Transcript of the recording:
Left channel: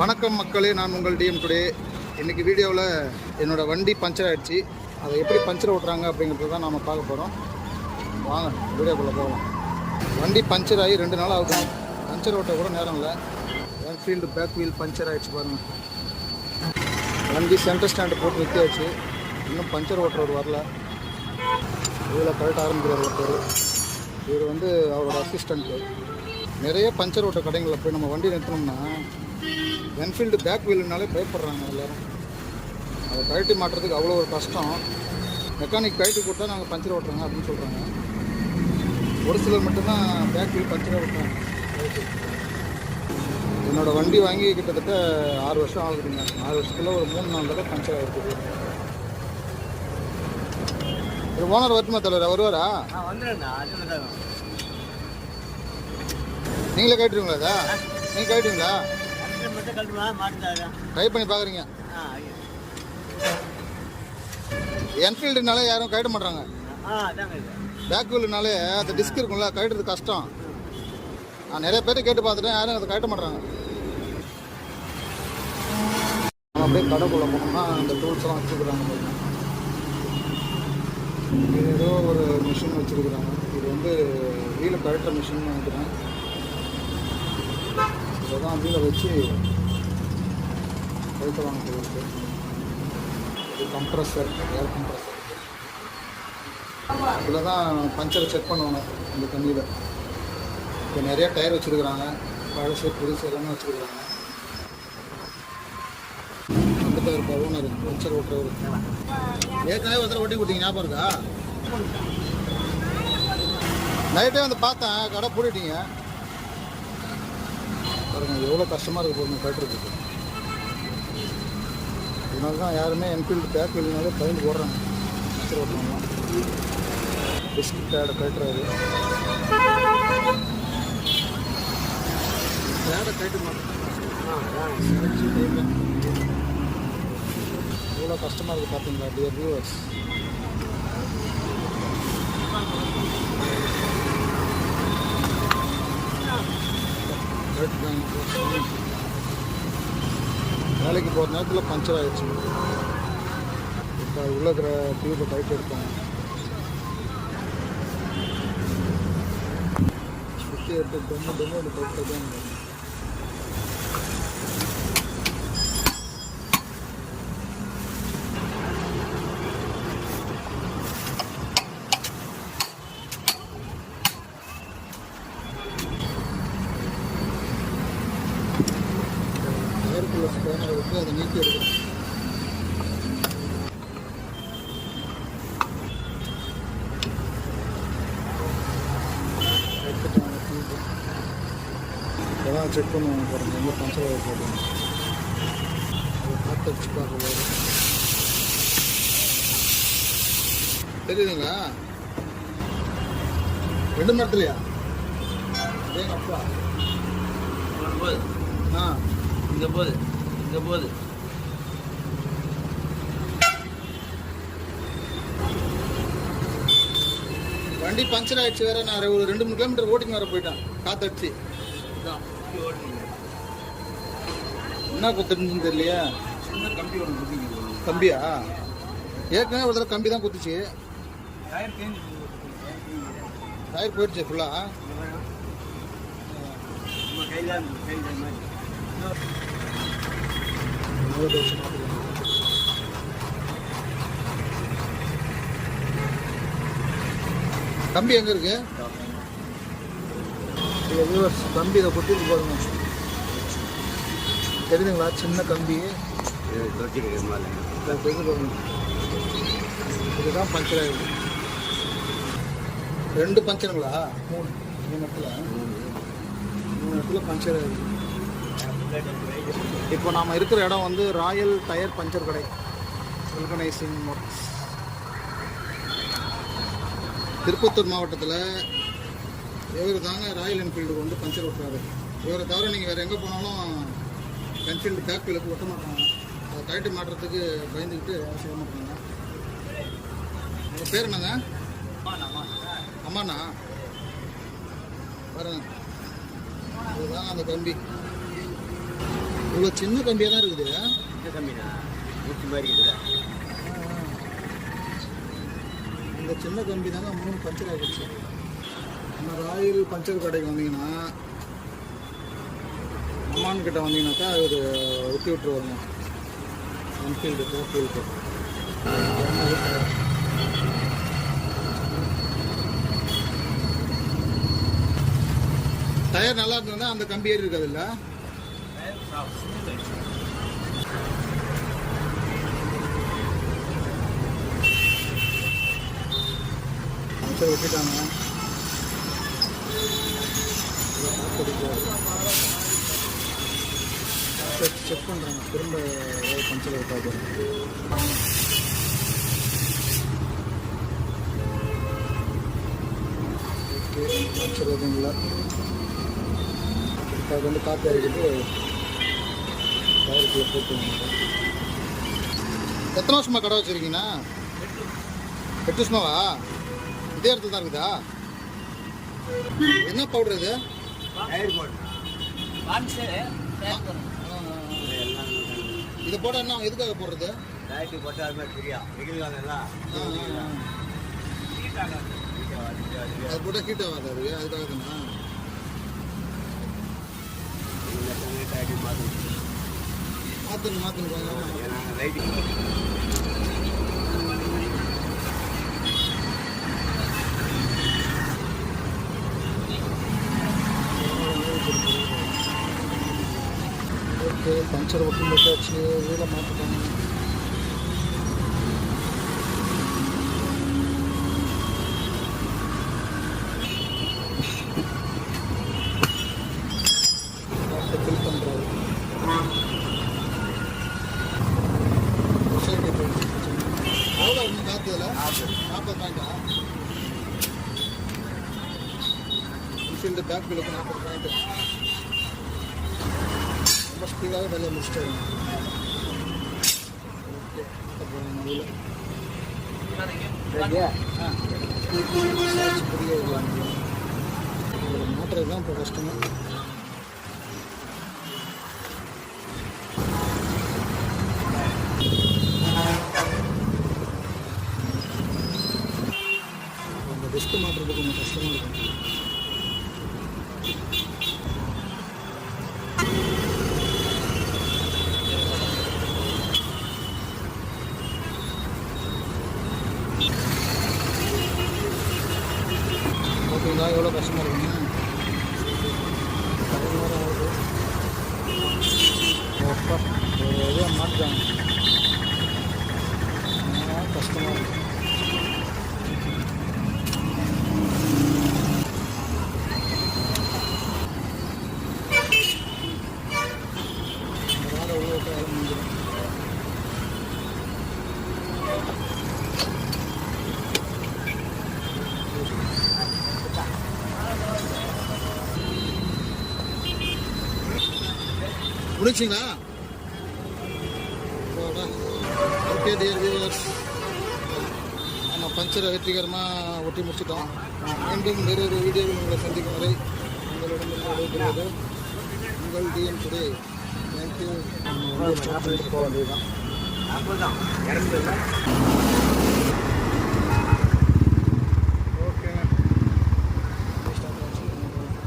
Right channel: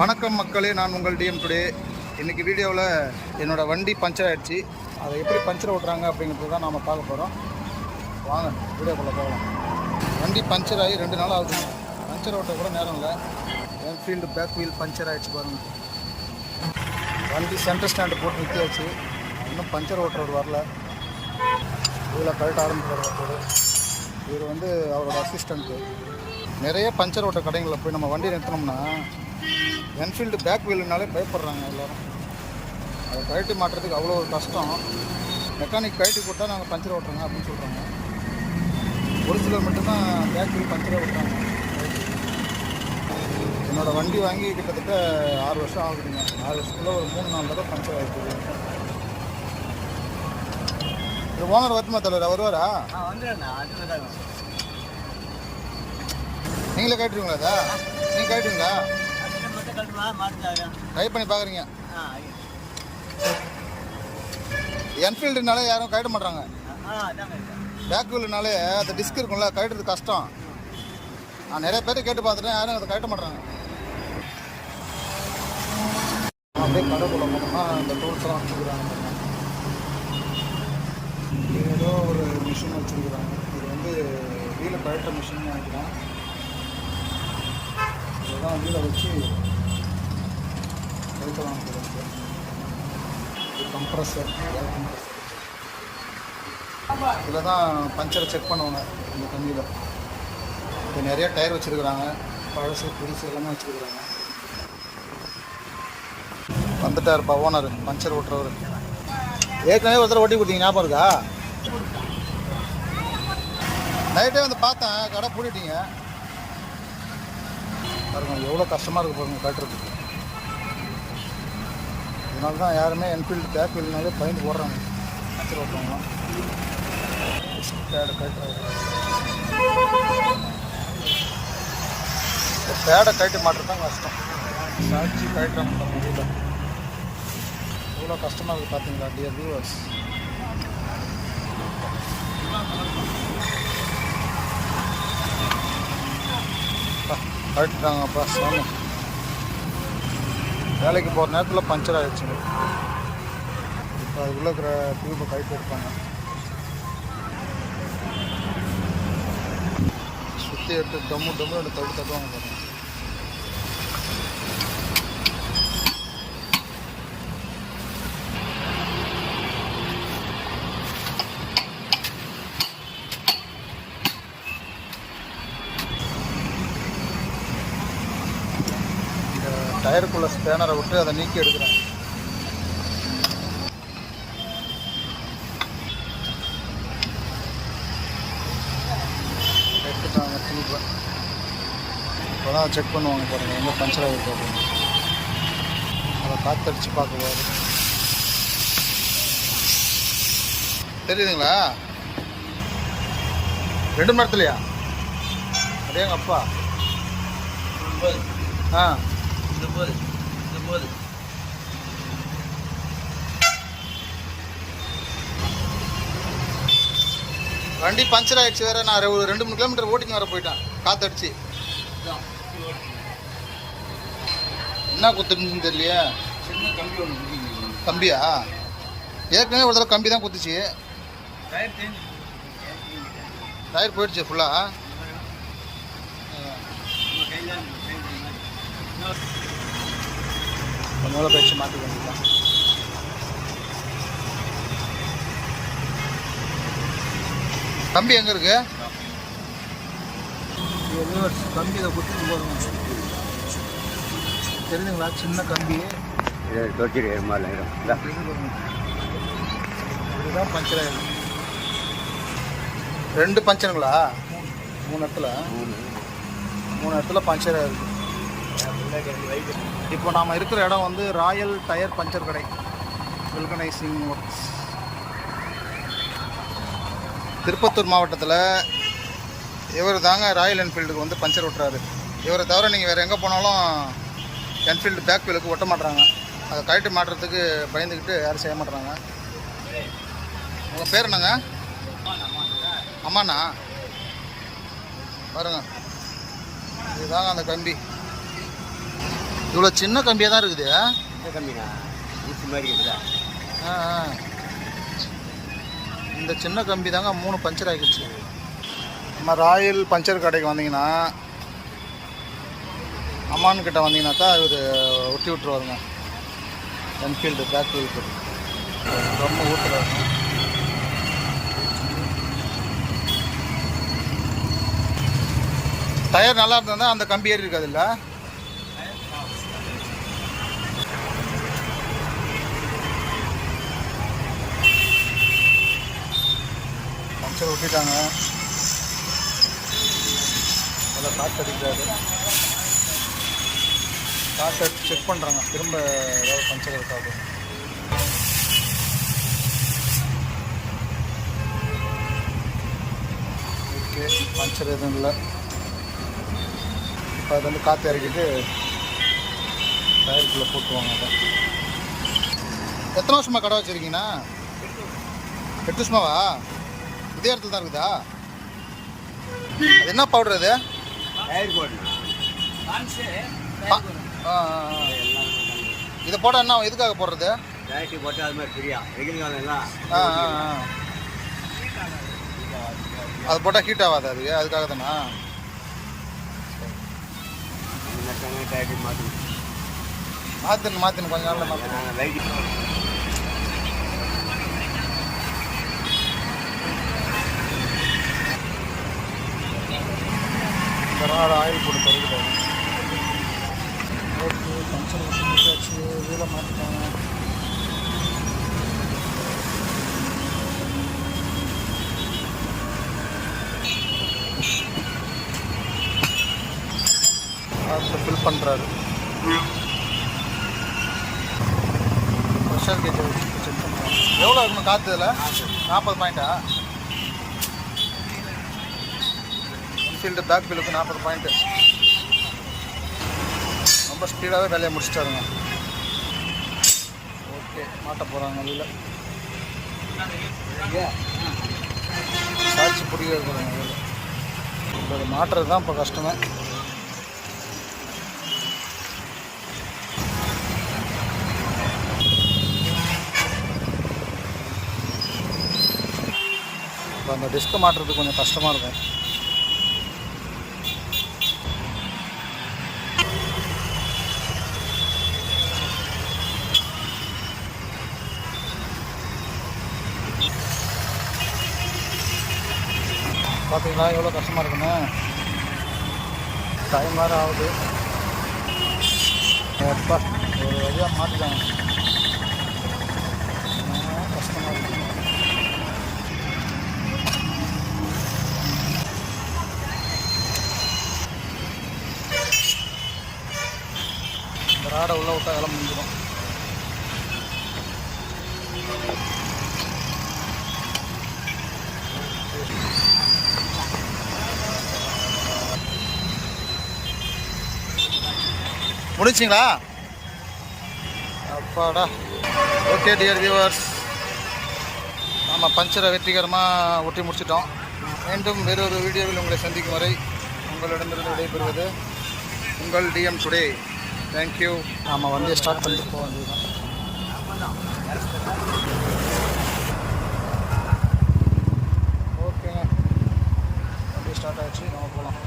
வணக்கம் மக்களே நான் உங்கள் டிஎம் டுடே இன்றைக்கி வீடியோவில் என்னோடய வண்டி பஞ்சர் ஆகிடுச்சு அதை எப்படி பஞ்சர் ஓட்டுறாங்க அப்படிங்கிறது தான் நாம் பார்க்க போகிறோம் வாங்க வீடியோக்குள்ளே போகலாம். வண்டி பஞ்சர் ஆகி ரெண்டு நாள் ஆகுது பஞ்சர் ஓட்ட கூட நேரம் இல்லை. என்ஃபீல்டு பேக் வீல் பஞ்சர் ஆகிடுச்சு பாருங்கள் வண்டி சென்டர் ஸ்டாண்டு போட்டு நிறுத்தியாச்சு. இன்னும் பஞ்சர் ஓட்டுறவர் வரல. இதில் கரெக்டாக ஆரம்பிக்கிறார் ஒருத்தர். இவர் வந்து அவரோட அசிஸ்டண்ட்டு நிறைய பஞ்சர் ஓட்ட கடைகளில் போய் நம்ம வண்டி நிறுத்தினோம்னா என்ஃபீல்டு பேக் வீலுனாலே பயப்படுறாங்க எல்லாரும். அதை கழட்டி மாட்டுறதுக்கு அவ்வளோ ஒரு கஷ்டம். மெக்கானிக் கழட்டி கொடுத்தா நாங்கள் பஞ்சர் ஓட்டுறோங்க அப்படின்னு சொல்கிறாங்க ஒரு சிலர் மட்டும்தான் பேக் வீல் பஞ்சரே ஓட்டுறாங்க. கழட்டி. என்னோடய வண்டி வாங்கி கிட்டத்தட்ட ஆறு வருஷம் ஆகுதுங்க. ஆறு வருஷத்துல ஒரு மூணு நாலு தடவை பஞ்சர் ஆகிருக்குது இது ஓனர் வரட்டுமா தலைவர்? வருவாரா தான் நீங்களே கட்டுறீங்களா அதா நீங்கள் கட்டுறீங்களா ட்ரை பண்ணி பார்க்குறீங்க என்ஃபீல்டுனாலே யாரும் கட்ட மாட்றாங்க பேக் வீல்னாலே அந்த டிஸ்க் இருக்கும்ல கழட்டுறது கஷ்டம். நான் நிறைய பேர் கேட்டு பார்த்துட்டேன் யாரும் அதை கட்ட மாட்றாங்க நம்ம அப்படியே கடைக்குள்ளே போனோம்னா அந்த டூல்ஸ்லாம் வச்சுருக்குறாங்க பாருங்க. இது ஏதோ ஒரு மிஷின் வச்சுருக்குறாங்க. இது வந்து வீலை கழட்டுற மிஷின் நினைக்கிறேன். இதுதான் வீலை வச்சு கழட்டுவாங்க போல இருக்கு. இது கம்ப்ரஸர் ஏர் கம்ப்ரஸர் இதில் தான் பஞ்சரை செக் பண்ணுவாங்க இந்த தண்ணியில். இப்போ நிறைய டயர் வச்சுருக்குறாங்க. பழசு புதுசு எல்லாமே வச்சுருக்குறாங்க. வந்துட்டாருப்பா ஓனர் பஞ்சர் ஓட்டுறவர். ஏற்கனவே ஒருத்தர் ஓட்டி கொடுத்தீங்க ஞாபகம் இருக்கா? நைட்டே வந்து பார்த்தேன் கடை பூட்டிட்டீங்க. பாருங்க எவ்வளோ கஷ்டமாக இருக்குது பாருங்க கட்டுறதுக்கு. இதனால தான் யாருமே என்ஃபீல்டு பேக் வீல்னாலே பயந்து போடுறாங்க மச்சர் ஓட்டுறவங்களாம் டிஸ்க் பேடை கட்டுறாரு பேடை கழட்டி மாட்டுறது தான் கஷ்டம் சாட்சி கழட்டுறாங்க பாருங்க வீட்டில். எவ்வளோ கஷ்டமாக இருக்குது பார்த்தீங்களா டியர் வியூவர்ஸ் கழட்டுறாங்கப்பா சாமி. வேலைக்கு போகிற நேரத்தில் பஞ்சர் ஆகிடுச்சு இப்போ அது உள்ள இருக்கிற டியூப்பை கழட்டி எடுப்பாங்க. சுற்றி எடுத்து டம்மு டம்மு ரெண்டு தட்டு தட்டுவாங்க பாருங்க இந்த டயருக்குள்ள ஸ்பேனரை விட்டு அதை நீக்கி எடுக்கிறாங்க. எடுத்துட்டாங்க டியூப்பை இப்போ தான் செக் பண்ணுவாங்க பாருங்க எங்கே பஞ்சர் ஆகிருக்கு அப்படின்னு. அதை காத்தடிச்சு பார்க்க பாரு தெரியுதுங்களா? ரெண்டு மணி அப்படியேங்க அப்பா ஆ. இங்கே போகுது இங்கே போகுது வண்டி பஞ்சர் ஆயிடுச்சு வேற. நான் ஒரு ரெண்டு மூணு கிலோமீட்டர் ஓட்டிங்க வர போயிட்டேன். காத்தடிச்சு. என்ன குத்துருந்துன்னு தெரியலையே. கம்பியா? ஏற்கனவே ஒரு தடவை கம்பி தான் குத்துச்சு. டயர் போயிடுச்சு ஃபுல்லாக மூல பயிற்சி மாற்றிக்க வேண்டியதான் கம்பி எங்கே இருக்கு? கம்பி இதை குத்திட்டு போடுங்க தெரியுதுங்களா? சின்ன கம்பி இதுதான் பஞ்சர் ஆயிருக்கு ரெண்டு பஞ்சருங்களா? மூணு. மூணு இடத்துல. மூணு. இடத்துல பஞ்சர் ஆயிருக்கு இப்போ நாம் இருக்கிற இடம் வந்து ராயல் டயர் பஞ்சர் கடை. வெல்கனைசிங் ஒர்க்ஸ் திருப்பத்தூர் மாவட்டத்தில் இவர் தாங்க ராயல் என்ஃபீல்டுக்கு வந்து பஞ்சர் ஓட்டுறாரு. இவரை தவிர நீங்கள் வேறு எங்கே போனாலும் என்ஃபீல்டு பேக் வீலுக்கு ஒட்ட மாட்டுறாங்க அதை கழட்டி மாட்டுறதுக்கு பயந்துக்கிட்டு யாரும் செய்ய மாட்டுறாங்க உங்கள் பேர் என்னங்க? அம்மாண்ணா? பாருங்க. இதுதாங்க அந்த கம்பி. இவ்வளோ சின்ன கம்பியாக தான் இருக்குது. இந்த கம்மிண்ணா ஊசி மாதிரி இருக்குதா ஆ, ஆ. இந்த சின்ன கம்பி தாங்க மூணு பஞ்சர் ஆகிடுச்சு. நம்ம ராயல் பஞ்சர் கடைக்கு வந்தீங்கன்னா அம்மான் கிட்ட வந்தீங்கன்னாக்கா இவர் ஒட்டி விட்டுருவாருங்க. என்ஃபீல்டு பேக் வீலுக்கு ரொம்ப ஊற்றுறாரு டயர் நல்லா இருந்தால் அந்த கம்பி ஏறி இருக்காது இல்லை பஞ்சர் ஒட்டிட்டாங்க. அதை காற்று அடிக்கிறாரு காற்று செக் பண்ணுறாங்க திரும்ப ஏதாவது பஞ்சர் இருக்காது ஓகே பஞ்சர் எதுவும் இல்லை. இப்போ அது வந்து காற்று இறக்கிட்டு டயருக்குள்ளே போட்டுவாங்க அதை. எத்தனை வருஷமா கடை வச்சுருக்கீங்கண்ணா? எட்டு வருஷமாவா? இதே இடத்துல தான் இருக்குதா? அது என்ன பவுடர் அது. இதை போட என்ன எதுக்காக போடுறது? அது மாதிரி ஃப்ரீயா. ரெகுலர் எல்லாம் ஆ ஆ ஆ. அது போட்டால் ஹீட் ஆகாது அதுக்கு அதுக்காக தானா? டயர்ட்டி மாற்றி மாற்றுன்னு மாற்றுன்னு கொஞ்ச நாளில் மாற்றணும் லைட்டு ஒரு ஆயில் போட்டு பறிக்கிறாரு ஓகே பஞ்சர் ஒட்டி முடிச்சாச்சு வீலை மாட்டிட்டாங்க. அடுத்து ஃபில் பண்ணுறாரு ப்ரெஷர் கேஜ் எவ்வளோ இருக்கணும் காற்று இதில்? நாற்பது பாயிண்டா என்ஃபீல்டு பேக் வீலுக்கு நாற்பது பாயிண்ட்டு ரொம்ப ஸ்பீடாகவே வேலையை முடிச்சிட்டாருங்க. ஓகே மாட்ட போகிறாங்க வெளியில். சாட்சி பிடிக்க போகிறாங்க வீல ஒரு மாட்டுறது தான் இப்போ கஷ்டமே. இப்போ அந்த டிஸ்க் மாட்டுறது கொஞ்சம் கஷ்டமாக இருக்கும். பார்த்தீங்களா? எவ்வளோ கஷ்டமாக இருக்குன்னு? டைம் வேறு ஆகுது. அப்பா ஒரு வழியாக மாட்டிட்டாங்க. ஆ, கஷ்டமாக இருக்கு. இந்த ராடை உள்ளே விட்டால் வேலை முடிஞ்சிடும். முடிச்சிங்களா அப்பாடா. ஓகே டியர் வியூவர்ஸ் நாம் பஞ்சரை வெற்றிகரமாக ஒட்டி முடிச்சிட்டோம். மீண்டும் வேறொரு வீடியோவில் உங்களை சந்திக்கும் வரை உங்களிடமிருந்து விடைபெறுவது உங்கள் டிஎம் டுடே தேங்க்யூ நாம் வந்து ஸ்டார்ட் பண்ணிட்டு போக வேண்டியது தான் ஓகேங்க வண்டி ஸ்டார்ட் ஆகிடுச்சு நம்ம போகலாம்